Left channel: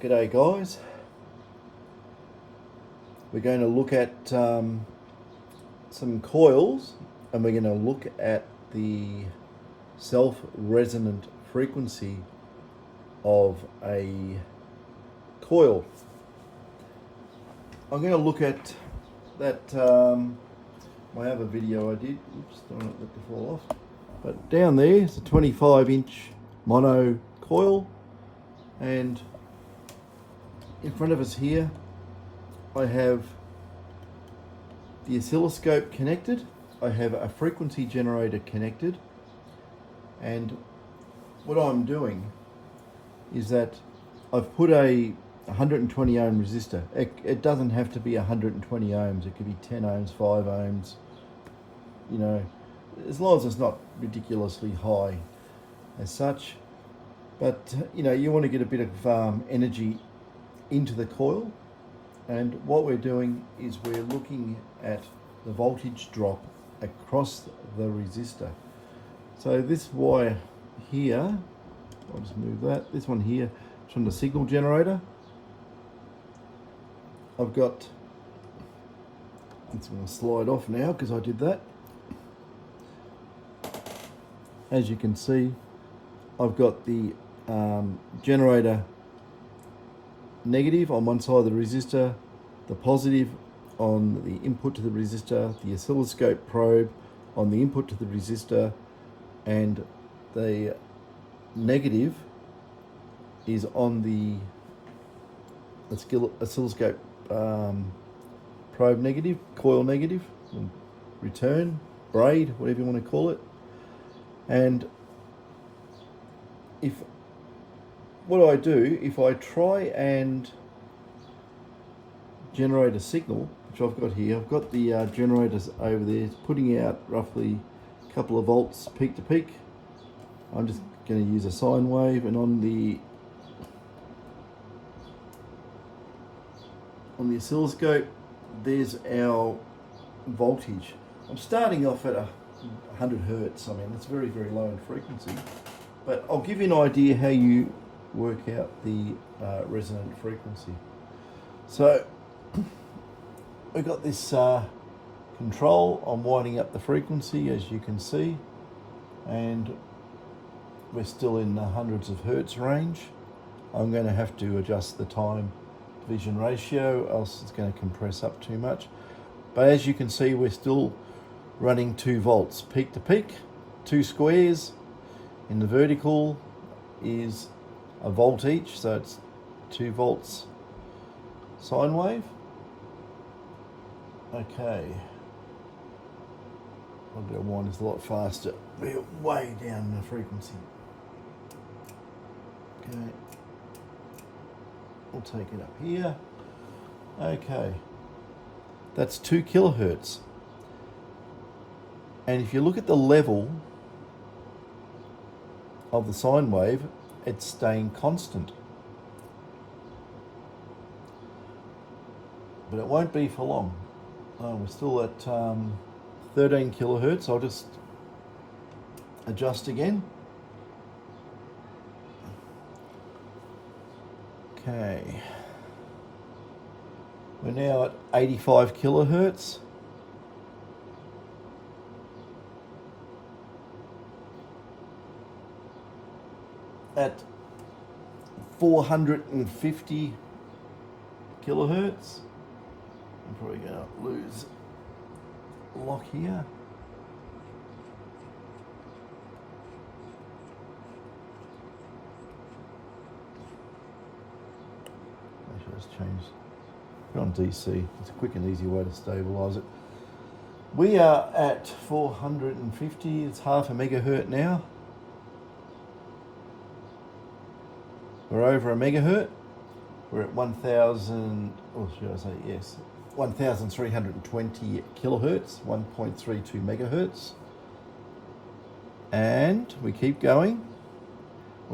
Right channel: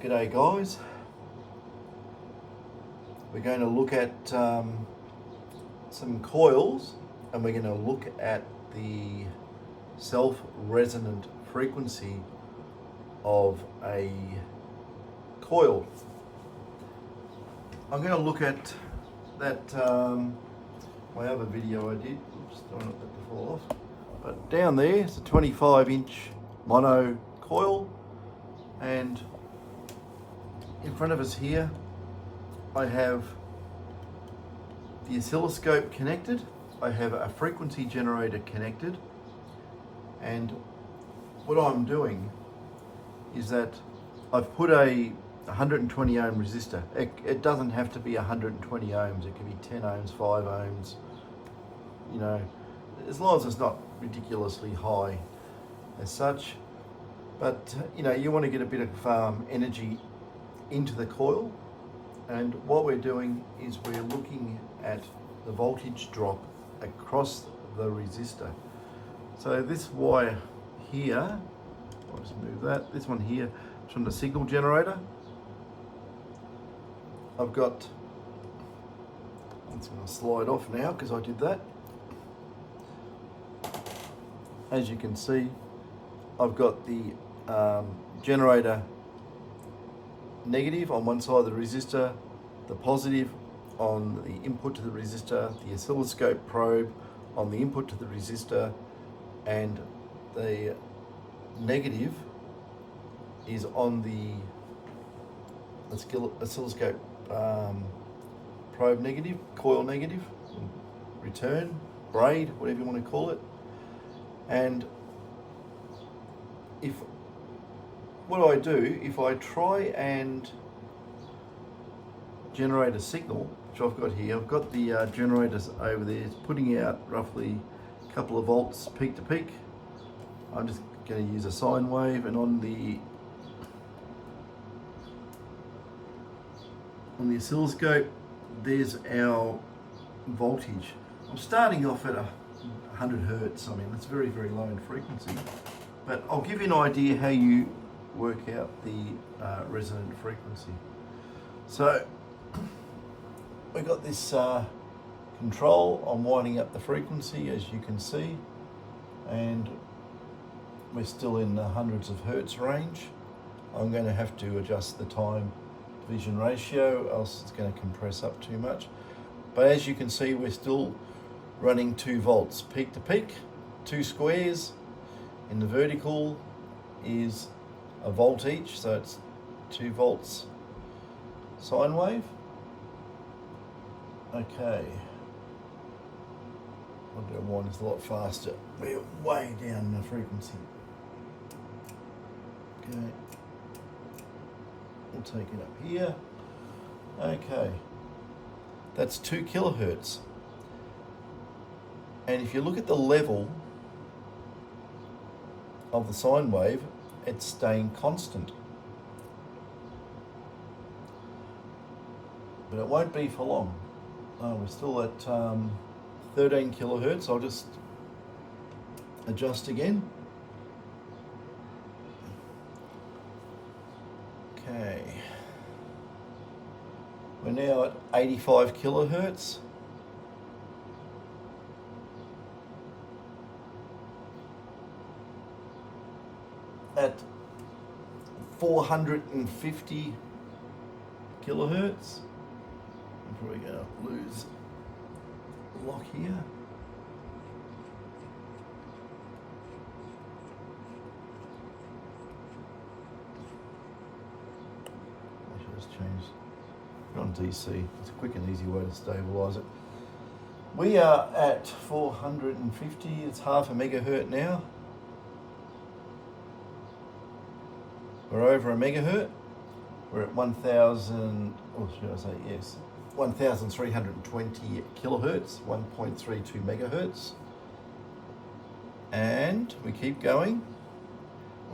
G'day guys. We're going to look at some coils, and we're going to look at the self-resonant frequency of a coil. I'm going to look at that. I have a video I did. Oops, don't want it to fall off. But down there is a 25-inch mono coil, and in front of us here I have the oscilloscope connected, I have a frequency generator connected, and what I'm doing is that I've put a 120 ohm resistor. It doesn't have to be 120 ohms, it could be 10 ohms, 5 ohms, you know, as long as it's not ridiculously high as such. But you know, you want to get a bit of energy into the coil, and what we're doing is we're looking at the voltage drop across the resistor. So this wire here, I'll just move that, this one here is from the signal generator. I've got, it's going to slide off now because I did that. As you can see, I've got the generator negative on one side of the resistor, the positive on the input to the resistor, the oscilloscope probe on the input to the resistor, and the negative is on the oscilloscope probe negative, coil negative, return, braid, whatever you want to call it. And what I do, if I try and generate a signal, which I've got here, I've got the generators over there, it's putting out roughly a couple of volts peak to peak. I'm just going to use a sine wave, and on the oscilloscope, there's our voltage. I'm starting off at 100 hertz. I mean, that's very, very low in frequency, but I'll give you an idea how you work out the resonant frequency. So we've got this control. I'm winding up the frequency, as you can see, and we're still in the hundreds of hertz range. I'm going to have to adjust the time division ratio, else it's going to compress up too much. But as you can see, we're still running 2 volts peak to peak, 2 squares. In the vertical is a volt each, so it's 2 volts sine wave. Okay, I'll go one is a lot faster. We're way down the frequency. Okay, we'll take it up here. Okay, that's 2 kilohertz. And if you look at the level of the sine wave, it's staying constant. But it won't be for long. Oh, we're still at 13 kilohertz. I'll just adjust again. Okay. We're now at 85 kilohertz. At 450 kilohertz. I'm probably going to lose the lock here. I should just change. Put on DC. It's a quick and easy way to stabilize it. We are at 450. It's half a megahertz now. We're over a megahertz. We're at 1,000, or should I say, yes, 1,320 kilohertz, 1.32 megahertz. And we keep going.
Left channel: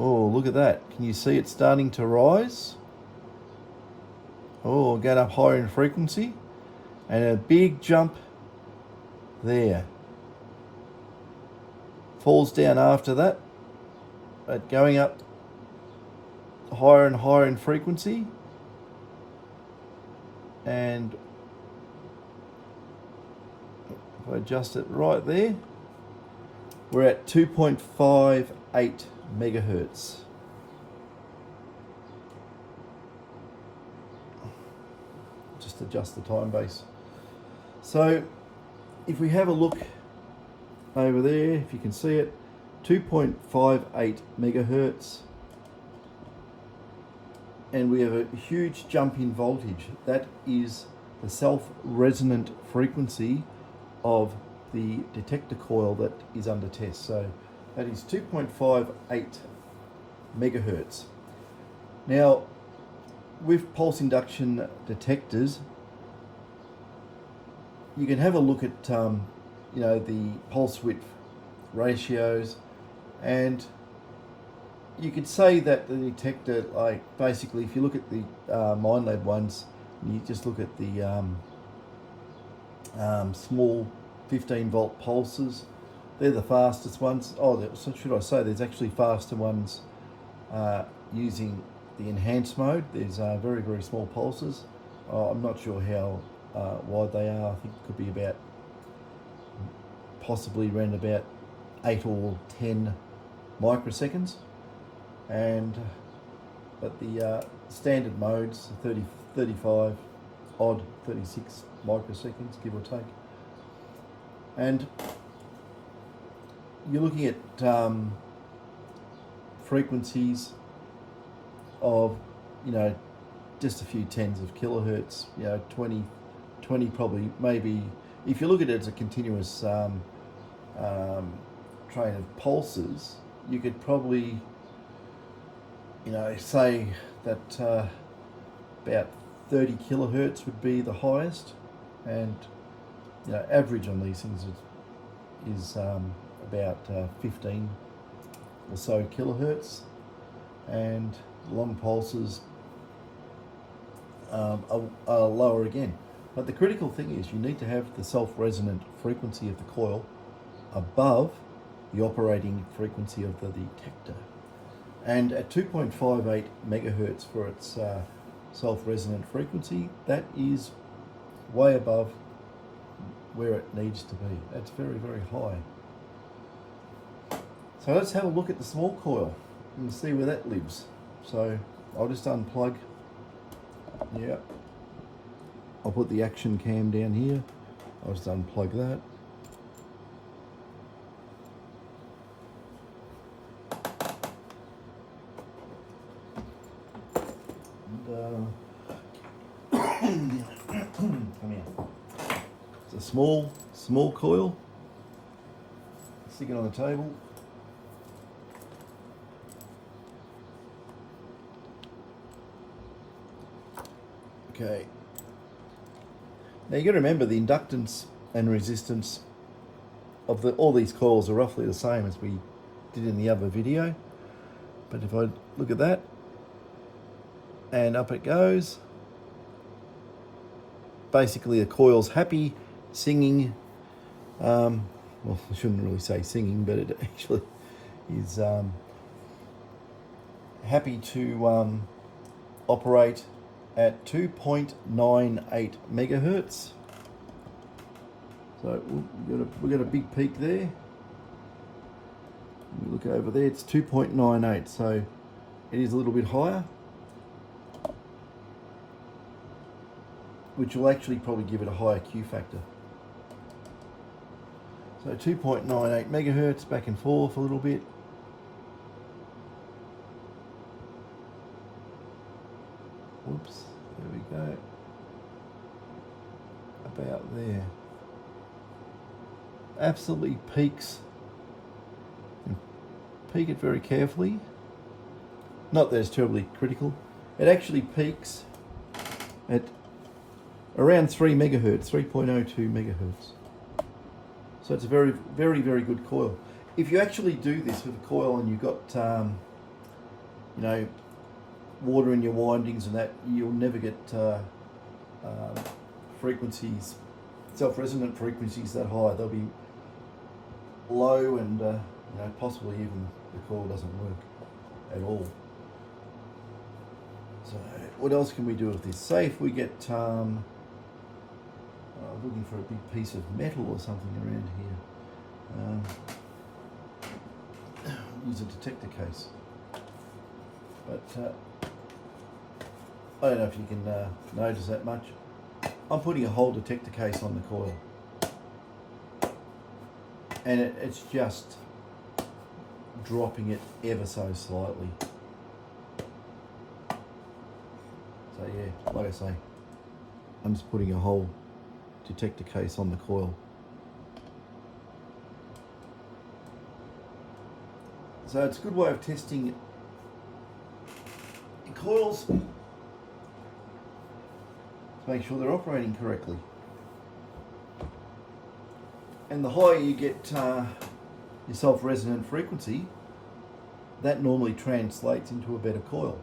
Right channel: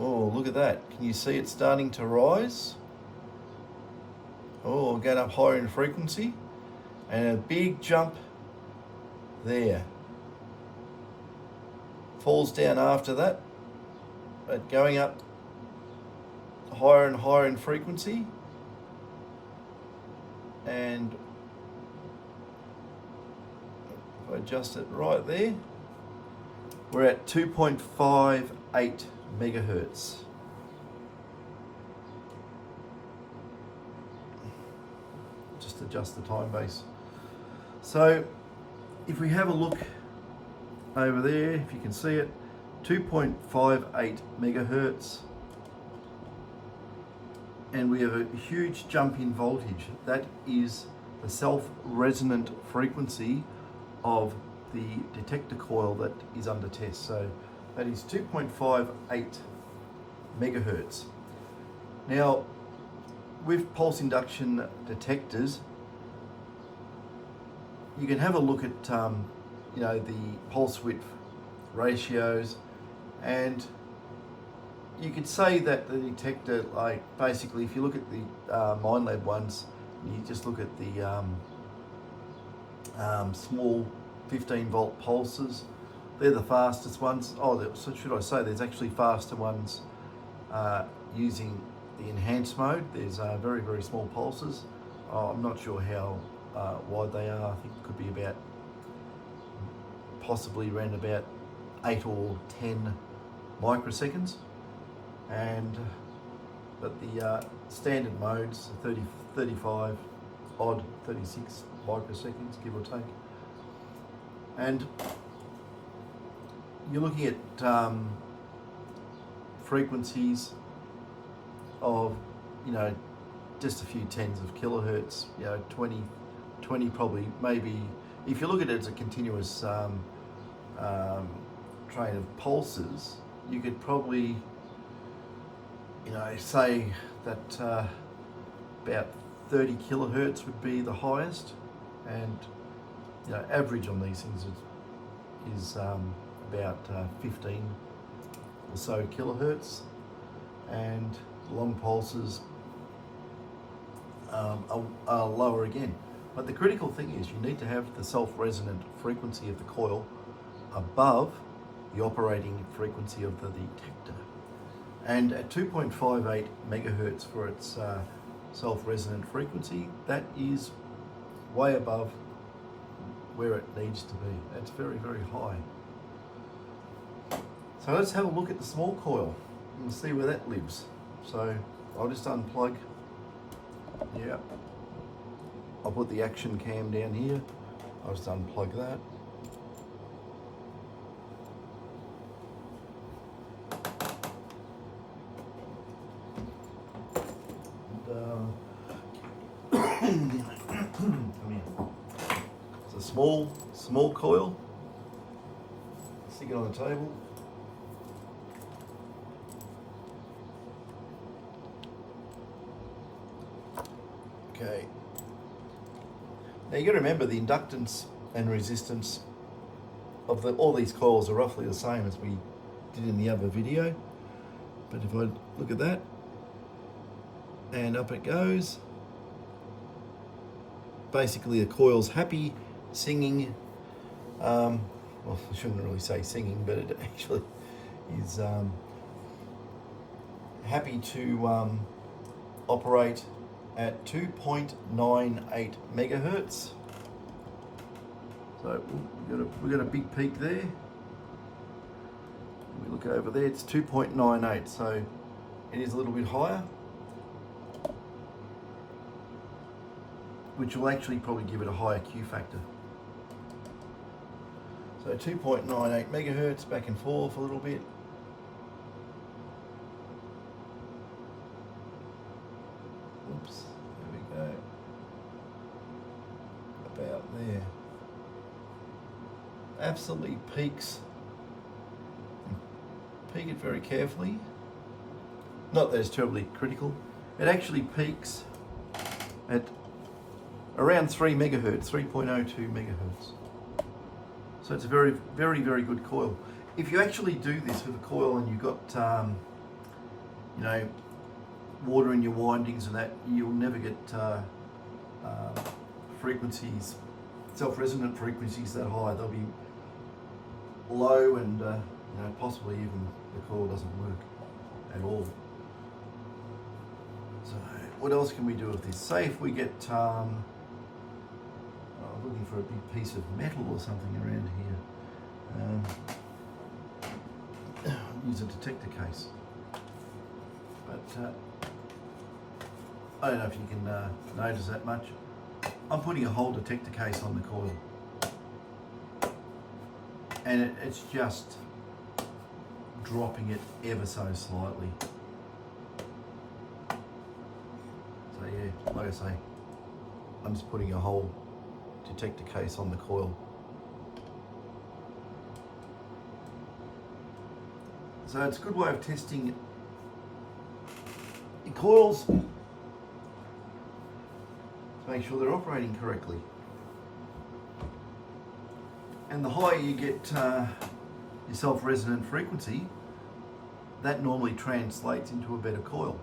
Oh, look at that. Can you see it starting to rise? Oh, get up higher in frequency. And a big jump there. Falls down after that, but going up higher and higher in frequency, and if I adjust it right there, we're at 2.58 megahertz. Just adjust the time base. So if we have a look over there, if you can see it, 2.58 megahertz, and we have a huge jump in voltage. That is the self-resonant frequency of the detector coil that is under test. So that is 2.58 megahertz. Now, with pulse induction detectors, you can have a look at the pulse width ratios, and you could say that the detector, like basically, if you look at the Minelab ones, and you just look at the small 15 volt pulses, they're the fastest ones. Oh, so should I say there's actually faster ones using the enhanced mode. There's very, very small pulses. I'm not sure how wide they are. I think it could be about, possibly around about 8 or 10 microseconds. And but the standard modes, 30, 35 odd, 36 microseconds, give or take. And you're looking at frequencies of, just a few tens of kilohertz, 20 probably, maybe, if you look at it as a continuous train of pulses, you could probably, say that about 30 kilohertz would be the highest, and average on these things is about 15 or so kilohertz, and long pulses are lower again. But the critical thing is you need to have the self-resonant frequency of the coil above the operating frequency of the detector. And at 2.58 megahertz for its self-resonant frequency, that is way above where it needs to be. That's very, very high. So let's have a look at the small coil and see where that lives. So I'll just unplug. Yeah. I'll put the action cam down here. I'll just unplug that. Come here. It's a small coil. Stick it on the table. Okay. Now you got to remember the inductance and resistance of all these coils are roughly the same as we did in the other video. But if I look at that, and up it goes. Basically the coil's happy, singing, well, I shouldn't really say singing, but it actually is happy to operate at 2.98 megahertz. So we've got a big peak there. We look over there, it's 2.98, so it is a little bit higher, which will actually probably give it a higher Q factor. So 2.98 megahertz, back and forth a little bit. Oops, there we go. About there. Absolutely peaks. Peak it very carefully. Not that it's terribly critical. It actually peaks at around 3 megahertz, 3.02 megahertz. So it's a very, very, very good coil. If you actually do this with a coil and you've got, water in your windings and that, you'll never get frequencies, self-resonant frequencies that high. They'll be low, and possibly even the coil doesn't work at all. So what else can we do with this? Say if we get looking for a big piece of metal or something around here. Use a detector case. But I don't know if you can notice that much. I'm putting a whole detector case on the coil, and it's just dropping it ever so slightly. So yeah, like I say, I'm just putting a whole detector case on the coil. So it's a good way of testing your coils to make sure they're operating correctly. And the higher you get your self-resonant frequency, that normally translates into a better coil.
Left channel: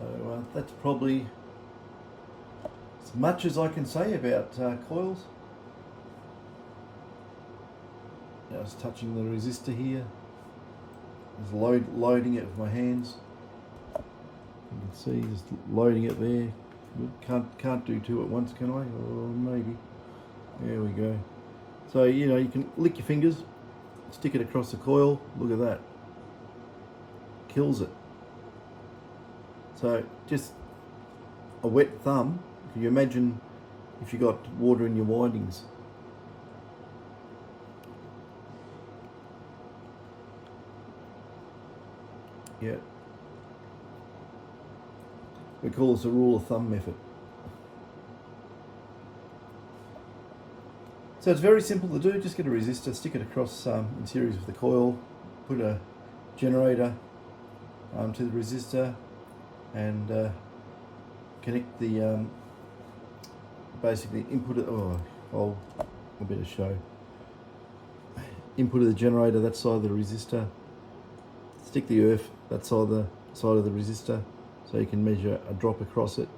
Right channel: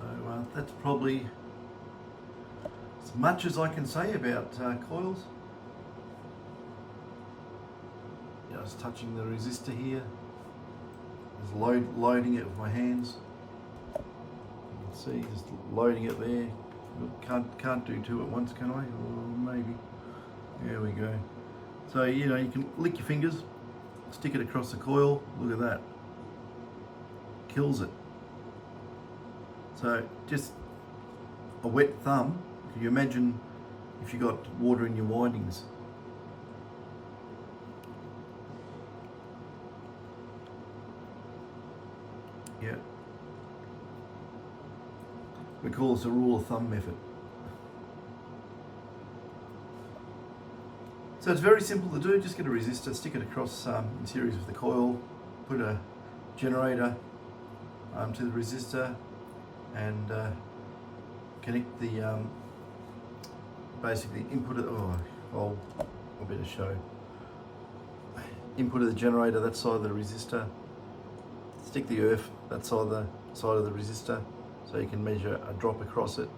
So that's probably as much as I can say about coils. Just touching the resistor here, just loading it with my hands. You can see just loading it there. Can't do two at once, can I? Or maybe. There we go. So you know, you can lick your fingers, stick it across the coil. Look at that. Kills it. So just a wet thumb. Can you imagine if you got water in your windings? Yeah. We call this a rule of thumb method. So it's very simple to do. Just get a resistor, stick it across in series with the coil, put a generator to the resistor, and connect the basically input it. Oh, a bit of show. Input of the generator, that side of the resistor. Stick the earth that side of the resistor, so you can measure a drop across it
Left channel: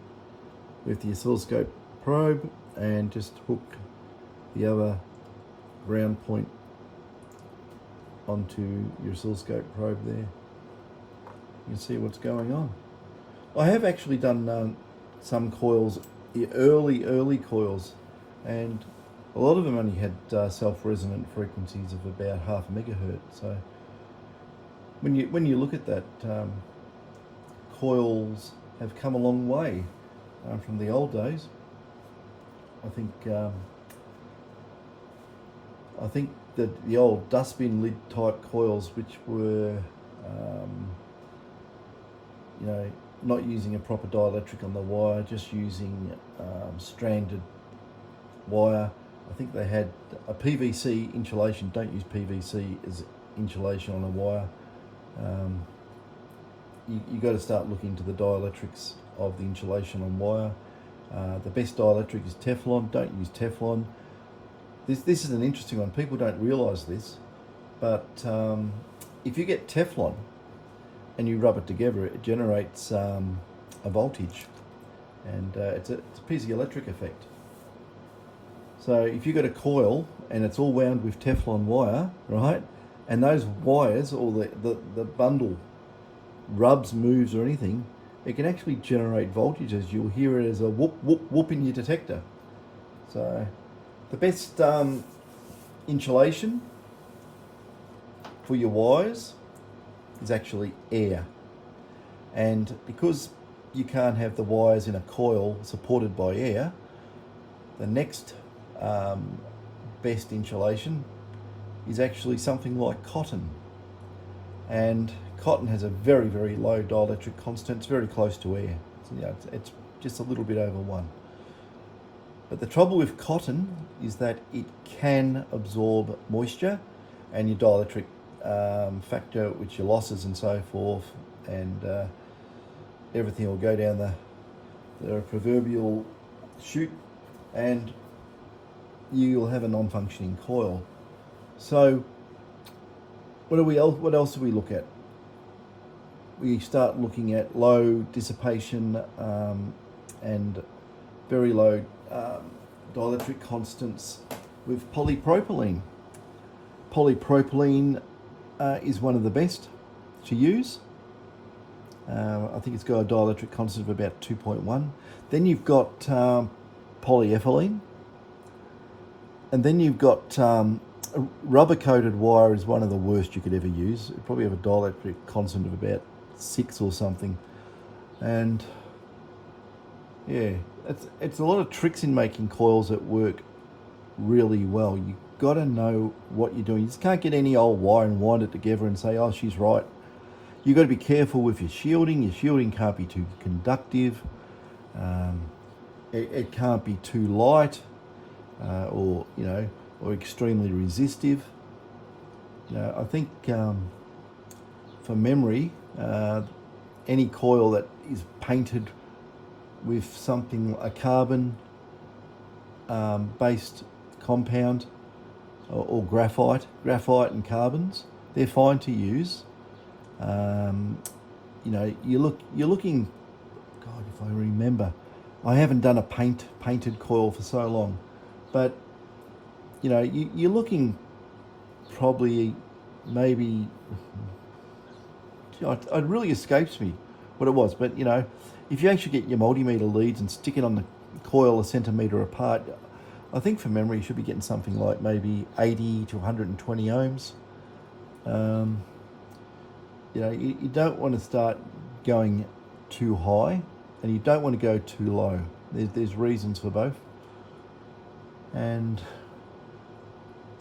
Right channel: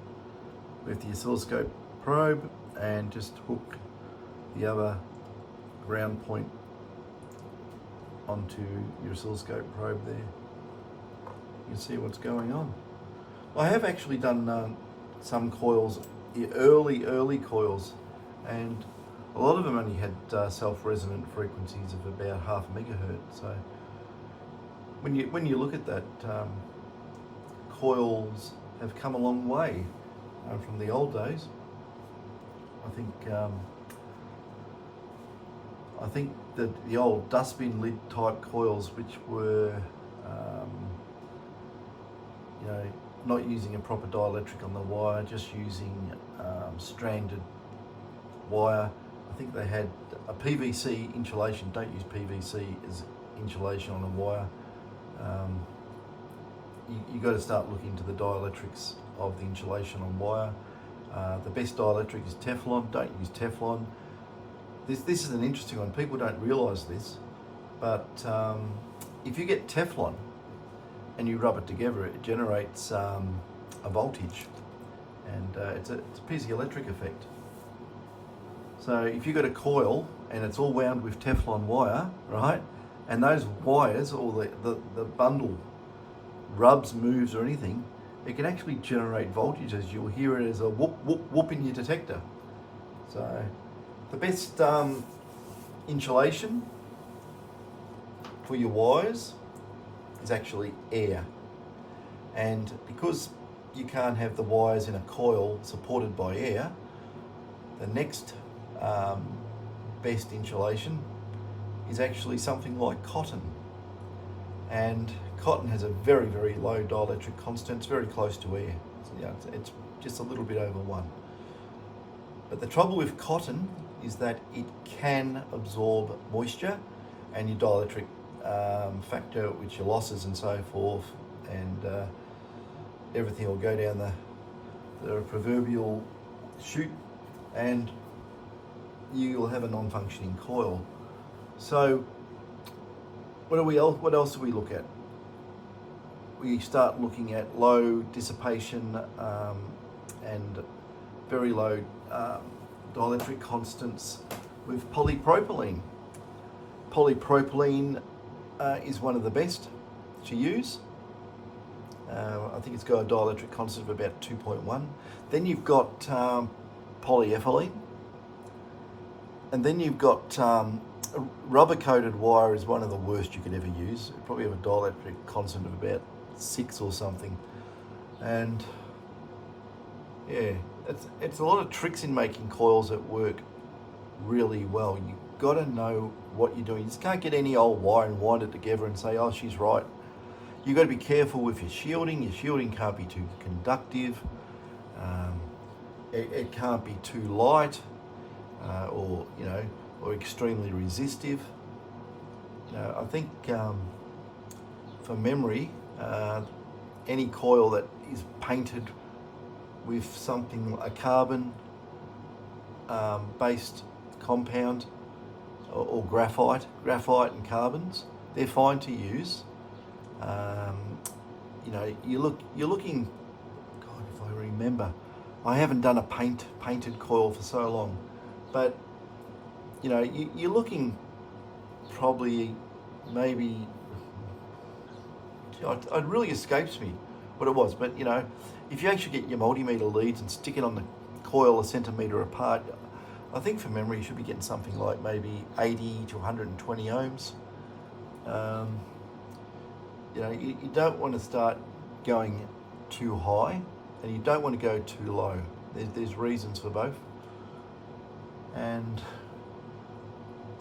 with the oscilloscope probe, and just hook the other ground point onto your oscilloscope probe there. You can see what's going on. I have actually done some coils, the early coils, and a lot of them only had self-resonant frequencies of about 0.5 megahertz. So when you look at that, coils have come a long way from the old days. I think that the old dustbin lid type coils, which were not using a proper dielectric on the wire, just using stranded wire. I think they had a PVC insulation. Don't use PVC as insulation on a wire. You got to start looking into the dielectrics of the insulation on wire. The best dielectric is Teflon. Don't use Teflon. This is an interesting one. People don't realise this, but if you get Teflon and you rub it together, it generates a voltage, and it's a piezoelectric effect. So if you've got a coil and it's all wound with Teflon wire, right, and those wires, or the bundle rubs, moves or anything, it can actually generate voltages. You'll hear it as a whoop, whoop, whoop in your detector. So the best insulation for your wires is actually air. And because you can't have the wires in a coil supported by air, the next best insulation is actually something like cotton. And cotton has a very, very low dielectric constant. It's very close to air. It's just a little bit over 1. But the trouble with cotton is that it can absorb moisture, and your dielectric factor, which your losses and so forth, and everything will go down the proverbial chute, and you'll have a non-functioning coil. So what else do we look at? We start looking at low dissipation and very low dielectric constants with polypropylene. Polypropylene is one of the best to use. I think it's got a dielectric constant of about 2.1. Then you've got polyethylene, and then you've got rubber-coated wire is one of the worst you could ever use. It probably have a dielectric constant of about 6 or something, and yeah, it's a lot of tricks in making coils that work really well. You've got to know what you're doing. You just can't get any old wire and wind it together and say, oh, she's right. You've got to be careful with your shielding. Your shielding can't be too conductive. It can't be too light, or or extremely resistive. I think for memory, any coil that is painted with something, a carbon based compound, or graphite and carbons, they're fine to use. You're looking, God, if I remember, I haven't done a painted coil for so long, but you're looking probably maybe, it really escapes me what it was, but if you actually get your multimeter leads and stick it on the coil a centimetre apart, I think for memory you should be getting something like maybe 80 to 120 ohms. You don't want to start going too high, and you don't want to go too low. There's reasons for both. And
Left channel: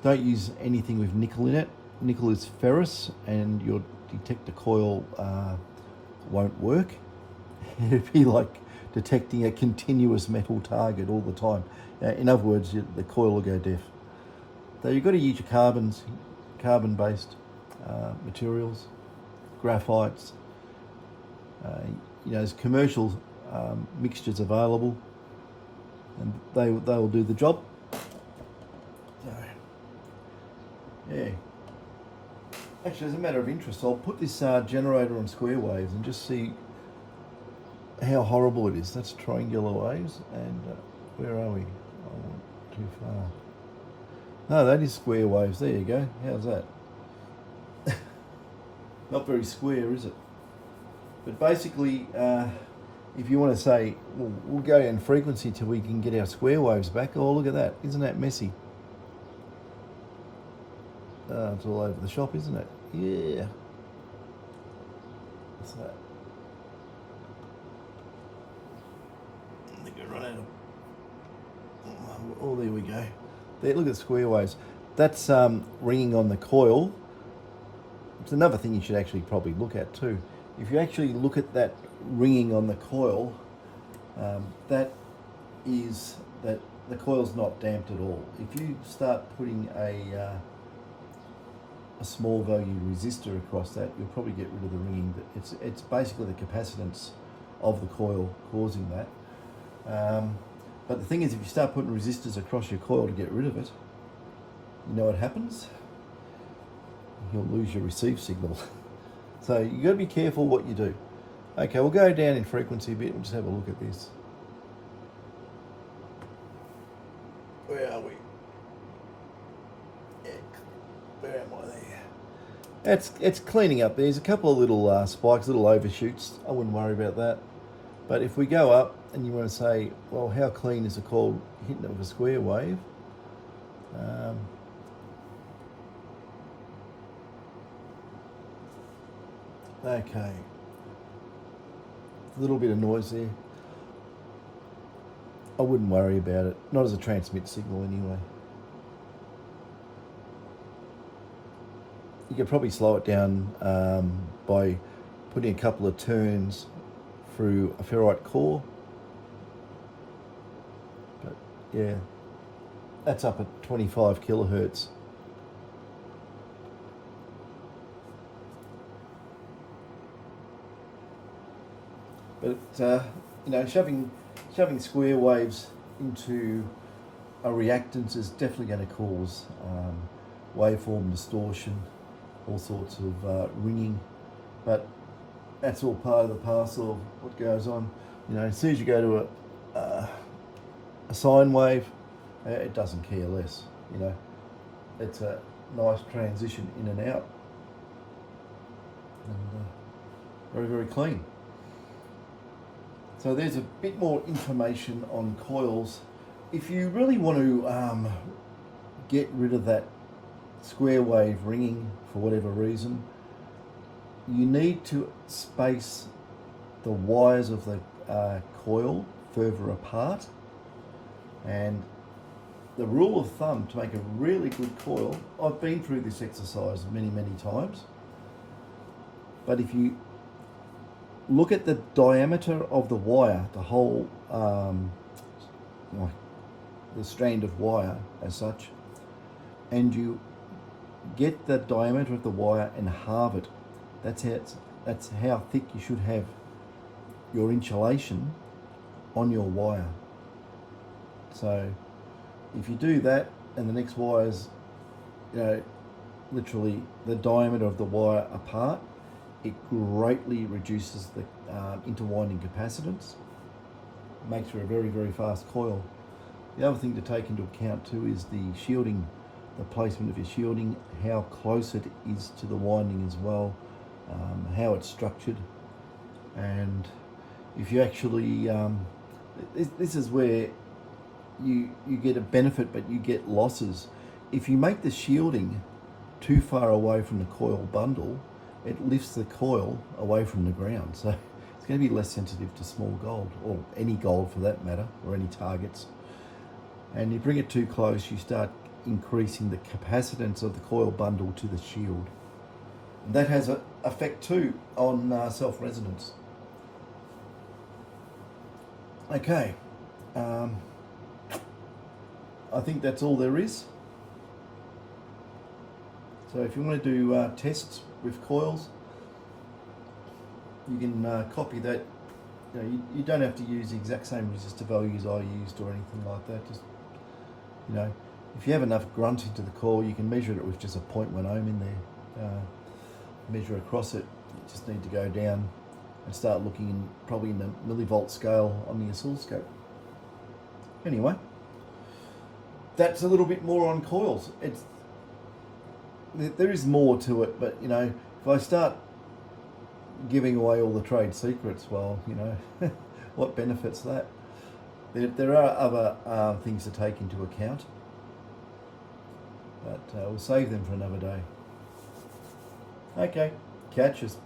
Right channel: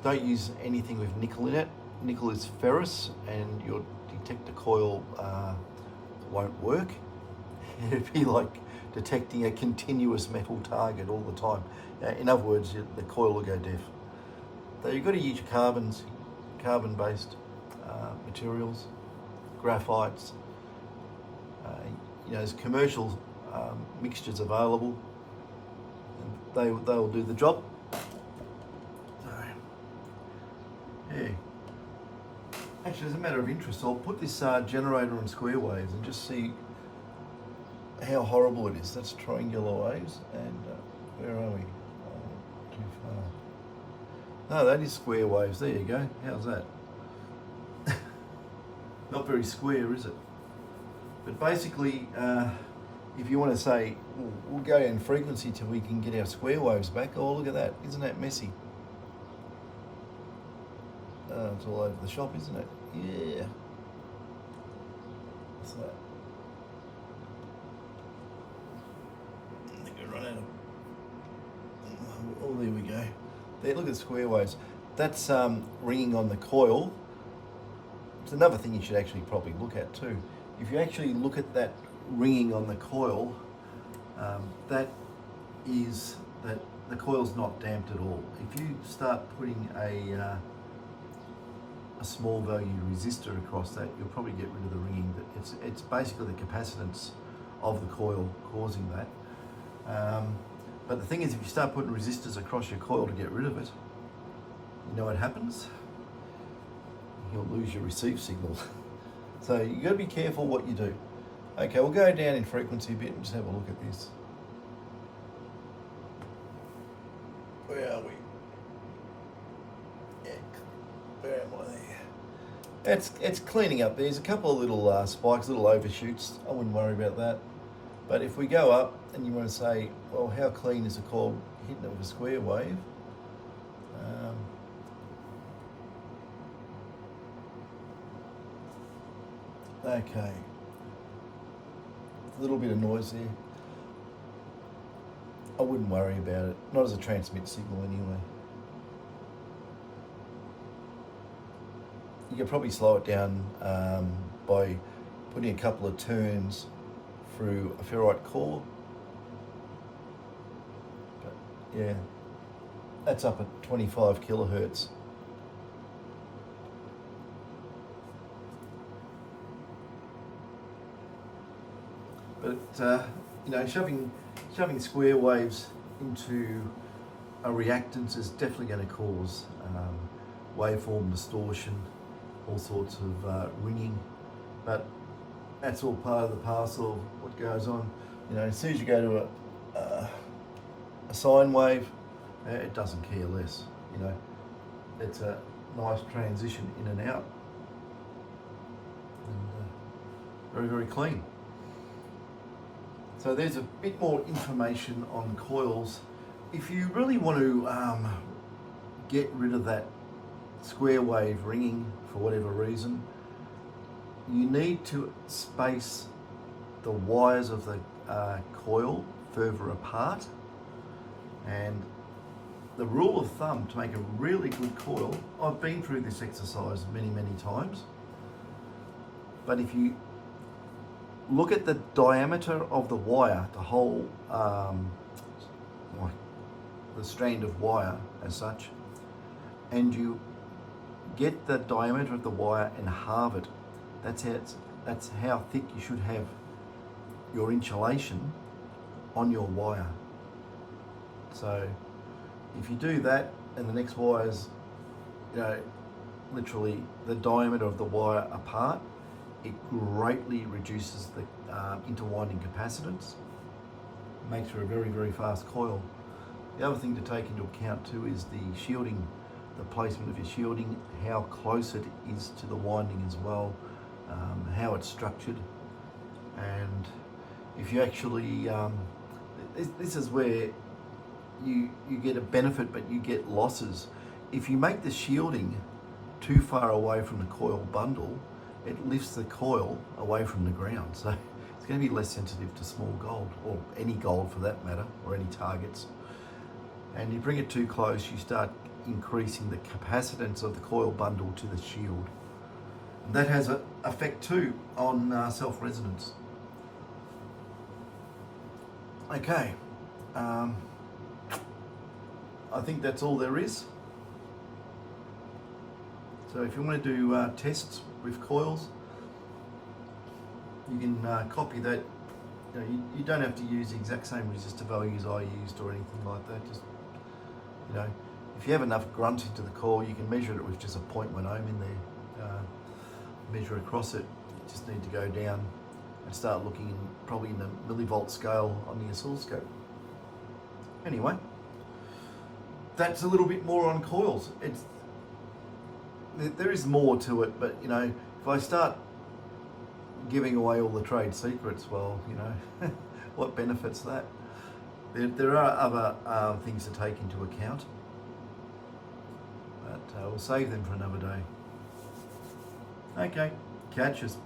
don't use anything with nickel in it. Nickel is ferrous, and your detector coil won't work. It'd be like detecting a continuous metal target all the time. In other words, the coil will go deaf. So you've got to use your carbon-based materials, graphites. There's commercial mixtures available, and they will do the job. So, yeah. Actually, as a matter of interest, I'll put this generator on square waves and just see how horrible it is. That's triangular waves, and where are we? Too far. No, that is square waves. There you go. How's that? Not very square, is it? But basically, if you want to say, we'll go in frequency till we can get our square waves back. Oh, look at that. Isn't that messy? It's all over the shop, isn't it? Yeah. What's that? I think I run out of... Oh, there we go. There, look at square waves. That's ringing on the coil. It's another thing you should actually probably look at too. If you actually look at that ringing on the coil, that is that the coil's not damped at all. If you start putting a small value resistor across that, you'll probably get rid of the ringing. It's basically the capacitance of the coil causing that. But the thing is, if you start putting resistors across your coil to get rid of it, you know what happens? You'll lose your receive signal. So you've got to be careful what you do. Okay, we'll go down in frequency a bit and just have a look at this. Where are we? Yeah, where am I there? It's cleaning up. There's a couple of little spikes, little overshoots. I wouldn't worry about that. But if we go up and you want to say, well, how clean is the coil hitting it with a square wave? Okay, a little bit of noise there. I wouldn't worry about it, not as a transmit signal anyway. You could probably slow it down by putting a couple of turns through a ferrite core. But yeah, that's up at 25 kilohertz. But shoving square waves into a reactance is definitely going to cause waveform distortion, all sorts of ringing. But that's all part of the parcel of what goes on. As soon as you go to a sine wave, it doesn't care less. It's a nice transition in and out. and very, very clean. So there's a bit more information on coils. If you really want to get rid of that square wave ringing for whatever reason, you need to space the wires of the coil further apart. And the rule of thumb to make a really good coil, I've been through this exercise many times, but if you look at the diameter of the wire, the whole the strand of wire as such, and you get the diameter of the wire and halve it, that's how thick you should have your insulation on your wire. So if you do that and the next wire's, literally the diameter of the wire apart, it greatly reduces the interwinding capacitance, makes for a very, very fast coil. The other thing to take into account too is the shielding, the placement of your shielding, how close it is to the winding as well, how it's structured. And if you actually, this is where you get a benefit but you get losses. If you make the shielding too far away from the coil bundle, it lifts the coil away from the ground. So it's going to be less sensitive to small gold, or any gold for that matter, or any targets. And you bring it too close, you start increasing the capacitance of the coil bundle to the shield. And that has an effect too on self-resonance. Okay, I think that's all there is. So if you want to do tests with coils, you can copy that. You don't have to use the exact same resistor values I used or anything like that. Just, if you have enough grunt into the coil, you can measure it with just a 0.1 ohm in there. Measure across it. You just need to go down and start looking probably in the millivolt scale on the oscilloscope. Anyway, that's a little bit more on coils. There is more to it, but if I start giving away all the trade secrets, well, what benefits that? There are other things to take into account, but we'll save them for another day. Okay, catch us.